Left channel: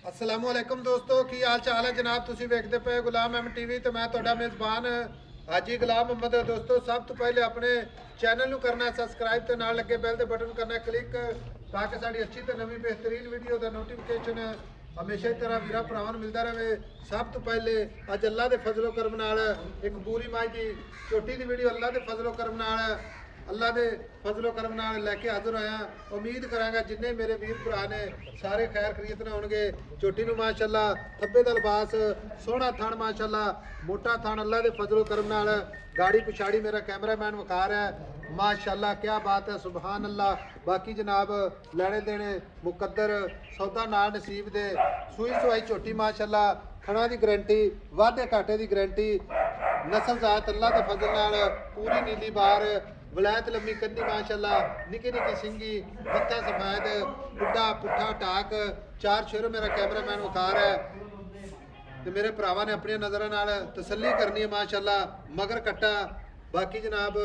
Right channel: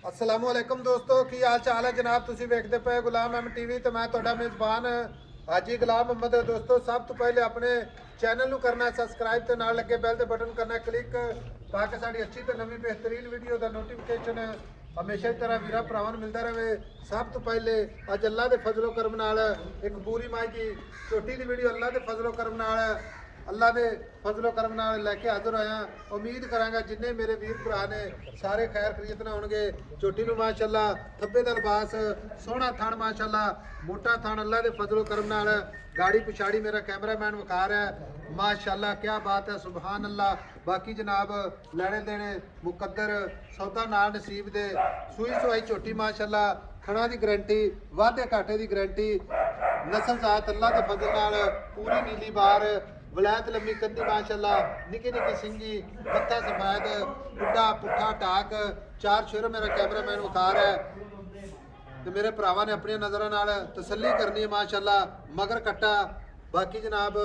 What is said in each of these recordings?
अस्सलाम वालेकुम दोस्तों की हाल चाल है जनाब तुसी वेखदे पे गुलाम एम टीवी ते मैं तुहाडा मेज़बान हाजी गुलाम मोहम्मद। दोस्तों सब तो पहले अपने चैनल ਨੂੰ ਕਰਨਾ ਸਬਸਕ੍ਰਾਈਬ ਤੇ ਨਾਲ ਲੱਗੇ ਬੈਲ ਦੇ ਬਟਨ ਕਰਨਾ ਕਲਿੱਕ ਤਾਂ ਕਿ ਸਾਡੀ ਅੱਛੀ ਤੇ ਨਵੀਂ ਬਿਹਤਰੀਨ ਵੀਡੀਓ ਦਾ ਨੋਟੀਫਿਕੇਸ਼ਨ ਹਮੇਸ਼ਾ ਹੀ ਤਰ੍ਹਾਂ ਵੀਰਾਂ ਭਰਾਵਾਂ ਨੂੰ ਮਿਲਦਾ ਰਹੇ। ਸਭ ਤੋਂ ਪਹਿਲੇ ਅੱਜ ਅੱਲਾ ਦੇ ਫਜ਼ਲੋ ਕਰਮ ਨਾਲ ਇੱਕ ਪੂਰੀ ਮਾਈ ਦੀ ਛੋਟੀ ਦੀ ਵੀਡੀਓ ਅੱਲਾ ਦੇ ਫਜ਼ਲੋ ਕਰਮ ਨਾਲ अल्लाह के फजलो करम नाल लैके हाजिर होया। उम्मीद करांगा जिन्ने मेरे वीर भरा ने सारे खैर खरीदना होंगे। छोटी नूं माशाअल्लाह थब्बे दा लिबास सोहना थण माशाअल्लाह मोटा थण अल्लाह के फजलो करम नाल गाड़ी पिछाड़ी मेरा कैमरामैन विखा रहा है माशाअल्लाह क्या बात है सुबहान अल्लाह। बाकी जनाब लैने देने मुकद्दर सौदा नाल नसीब दे सूई सवाई छोटी माशाअल्लाह खड़ा की गारंटी वाधे घाटे की गारंटी नस्ल जात अल्लाह के फजल नाल पूरी नीली बार वलैत लम्बी कंधी माशाअल्लाह निकी निकी सिंगी मत्था सफेद बुढ़ा पुट्ठा टाक चार शेर मेरा कैमरामैन उतार है तो मेरे भरावां ने अपनी नज़रों नाल तसल्ली करनी है माशाअल्लाह मगर कट्टा। बाकी जनाब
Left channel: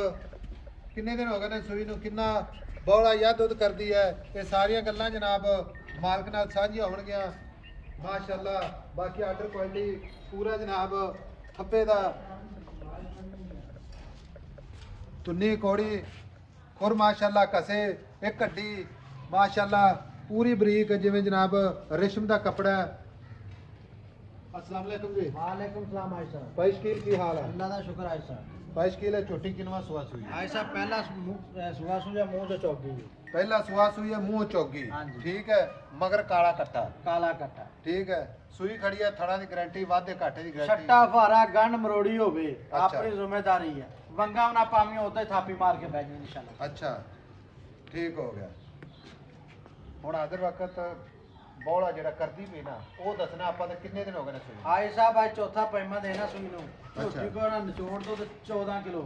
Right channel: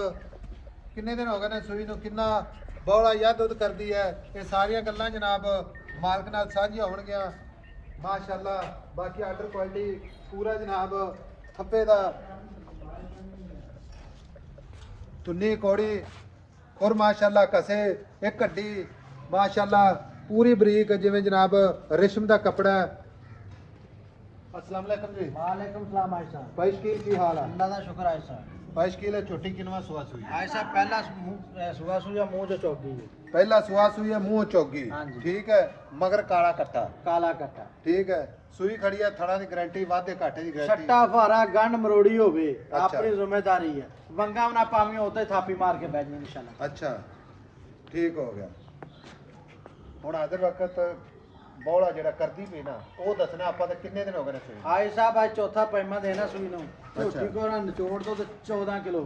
किन्ने दिन हो गए ने सूई नूं किन्ना बौला या दुध करदी है ये सारियां गल्लां जनाब मालक नाल साझियां होणगियां माशाअल्लाह। बाकी आर्डर क्वालिटी पूरा जनाब खप्पे दा तुन्नी कौड़ी और माशाअल्लाह कसे एक कड्डी माशाअल्लाह पूरी बरीक जिवें जनाब रेशम दा कपड़ा। अस्सलाम वालेकुम जी। वालेकुम सलाम भाई साहब। भाई शकील की हाल है? अल्लाह दा शुक्र है साहब। भाई शकील छोटी किनवा सुआ सुई? भाई साहब पहला सुबह सुजा मुंह जो चौकी पहला सुआ सुई है मुंह चौगी हाँ जी। ठीक है मगर काला कट्टा काला कट्टा ठीक है सुई खड़ी है थड़ा की गारंटी वाधे घाटे की गारंटी छट्टा फारा गंड मरोड़ी होवे अच्छा। अपनी जिम्मेदारी है वंगा ना पावी होते थापी मार के बैठ इंशाल्लाह। अच्छा ठीक हो गया। हुण आदर वक्त बौला जेड़ा करदी पई ना वो दसना आपां ते किन्ने दिन हो गए ने सुई? भाई साहब आज चौथा पैमा देना सुई नु झूठी को ना निचोड़ दो तो 14 किलो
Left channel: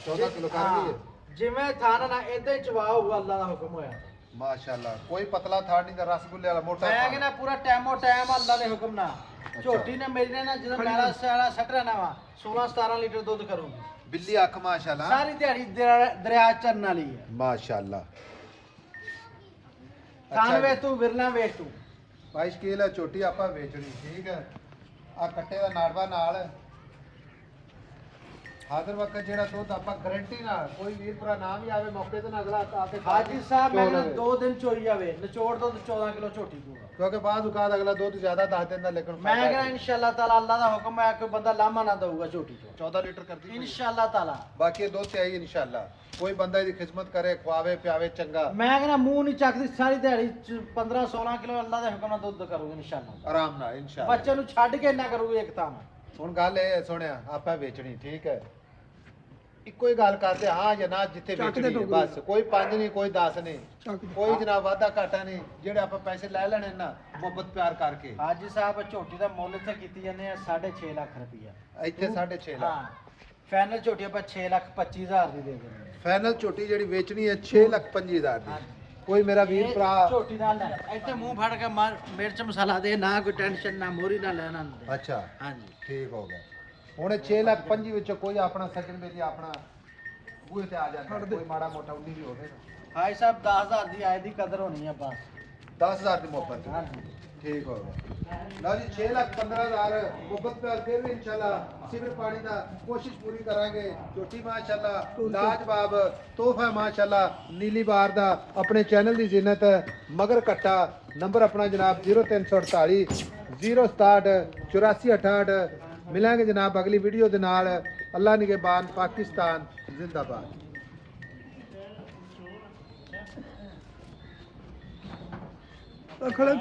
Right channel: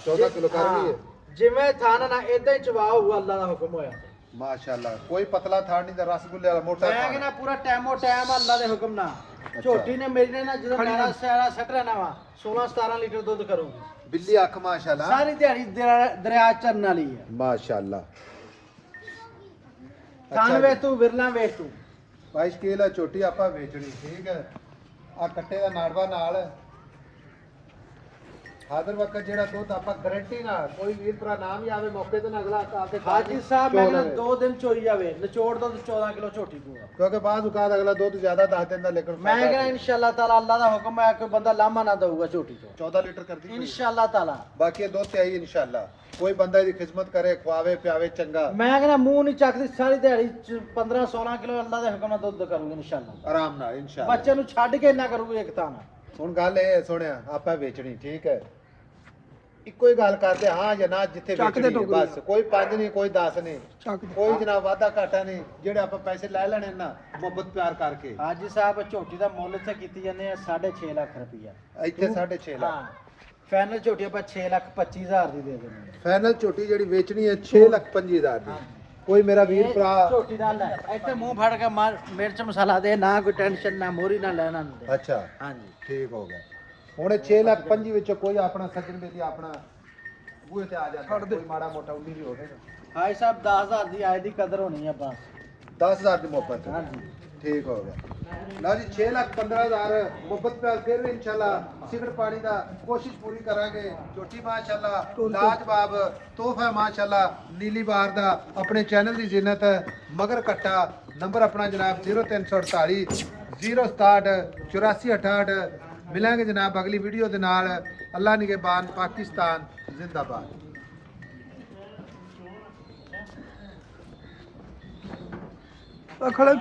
14 किलो कर गई है जिवें थाना ना इदां ही चवा हुआ अल्लाह दा हुक्म होया माशाअल्लाह। कोई पतला था नहीं रसगुल्ले वाला मोटा मैं था। कहना पूरा टाइमो टाइम अल्लाह दे हुक्म ना झोटी ने मेरी ने ना ਜਦੋਂ ਮੇਰਾ ਸਿਆਲਾ ਸੱਟ ਰਹਿਣਾ ਵਾ 16 17 ਲੀਟਰ ਦੁੱਧ ਕਰੂੰਗੀ। बिल्ली अख माशाअल्लाह सारी दिहाड़ी दरिया चरन वाली है। माशाअल्लाह। खान वे तू विरला वेच तू भाई शकील है छोटी आपा बेचनी ठीक है आ कट्टे दा नाड़वा नाल हाजिर वक्त जेड़ा दुध आपा गारंटी ना कोई वीर भरा ना भी आवे मौके ते ना अगला आके हाजी साहब मैंने 2 दिन चोई जावे निचोड़ दो 14 किलो छोटी पूरा क्योंकि बाद उकाद अगला दुध ज्यादा दस देंदा लेकिन मैं कहना इंशाल्लाह ताला अल्लाह दा हुक्म है कोई बंदा लामा ना दूगा छोटी को 14 लीटर कर दी इंशाल्लाह ताला। बाकी ये दुध ते आई इंशाल्लाह कोई बंदा इसकी खिदमत करे खवावे पियावे चंगा मैं कहना मुंह नहीं चकदी सारी दिहाड़ी 15 16 किलो अल्लाह दे हुक्म नाल दुध करूंगी इंशाल्लाह आराम नाल इंशाल्लाह। बच्चे नु छੱਡ के ना करूंगी एक ताना। हुण गल ए सुनिया आपा बेचनी ठीक है ਇੱਕੋ ਹੀ ਗੱਲ ਕਰਦੇ ਹਾਂ ਜਾਂ ਨਾ ਜਿੱਥੇ ਵੇਚਣੀ ਹੈ ਬਸ ਕੋਈ 5 ਨਹੀਂ ਕੋਈ 10 ਨਹੀਂ ਕੋਈ ਜਨਾਬ ਵਾਧਾ ਘਾਟਾ ਨਹੀਂ ਜਿਹੜੇ ਆਪਾਂ ਪੈਸੇ ਲੈ ਲੈਣੇ ਨਾ ਮੁਹੱਬਤ ਪਿਆਰ ਕਰਕੇ। ਹਾਜੀ ਸਾਹਿਬ ਝੋਟੀ ਦਾ ਮੁੱਲ ਇੱਥੇ ਕੀਤੀ ਜਾਂਦੇ ਆ 6.5 ਲੱਖ ਰੁਪਈਆ ਇੱਥੇ 6.5 ਲੱਖ ਹਾਂ ਫਾਈਨਲ ਝੋਟੀ ਆਪਾਂ 6,25,000 ਦੀ ਦੇ ਦਿੰਦੇ ਆ। ਫਾਈਨਲ ਝੋਟੀ ਜਿਹੜੀ ਵੇਚਣੀ ਹੈ 6,25,000 ਦੀ। ਕੋਈ ਮੇਰਾ ਵੀਰ ਭਰਾ ਝੋਟੀ ਦਾ ਲੈ ਇੱਥੇ ਮੂੰਹ ਫੜ ਕੇ ਮਿਰਚ ਮਸਾਲਾ ਦੇ ਨਾ ਕੋਈ ਟੈਨਸ਼ਨ ਨਾ ਮੋਰੀ ਨਾ ਲੈਣਾ ਹੁੰਦੇ। ਅੱਛਾ ਹਾਂਜੀ ਠੀਕ ਹੋ ਗਿਆ। ਹੁਣ 6,25,000 ਵਿੱਚੋਂ ਕੋਈ ਆਪਣਾ ਸੱਜਣ ਬੇਲੀ ਆਪਣਾ ਬੂਹੇ ਤੇ ਆ ਜਾਂਦਾ ਕੋਈ ਮਾੜਾ ਮੋਟਾ 19 ਵੀ ਹੋਵੇ ਨਾ ਭਾਈ ਸਾਹਿਬ 10,000 ਦੀ ਆਏ ਦੀ ਕਦਰ ਹੋਣੀ ਆ ਬਸ 10,000 ਦੀ ਮੁਹੱਬਤ ਹਾਂਜੀ ਠੀਕ ਹੋ ਗਿਆ। ਲਓ ਜੀ 6,15,000 ਮੁਹੱਬਤ ਪਿਆਰ ਫਿਰ ਵੀ ਇਨਸ਼ਾਅੱਲਾ ਸਿਗਰ ਪਾਣੀ ਦਾ ਕੋਸ਼ਿਸ਼ ਪੂਰੀ ਕਰਾਂਗੇ। ਝੋਟੀ ਮਾਸ਼ਾਅੱਲਾ ਲਾਜਵਾਬ ਤੋਹਫਾ ਮਾਸ਼ਾਅੱਲਾ ਨੀਲੀ ਬਾਰ ਦਾ ਆਪਣੇ ਚੈਨਲ ਦੀ ਜ਼ਿੰਨਤ ਮਗਰ ਕੱਟਾ ਨੰਬਰ ਆਪਣਾ ਜਨਾਬ 0348 067 8468। मिलेंगे जनाब अगली वीडियो के नाल। अल्लाह निगहबान पाकिस्तान जिंदाबाद। खड़े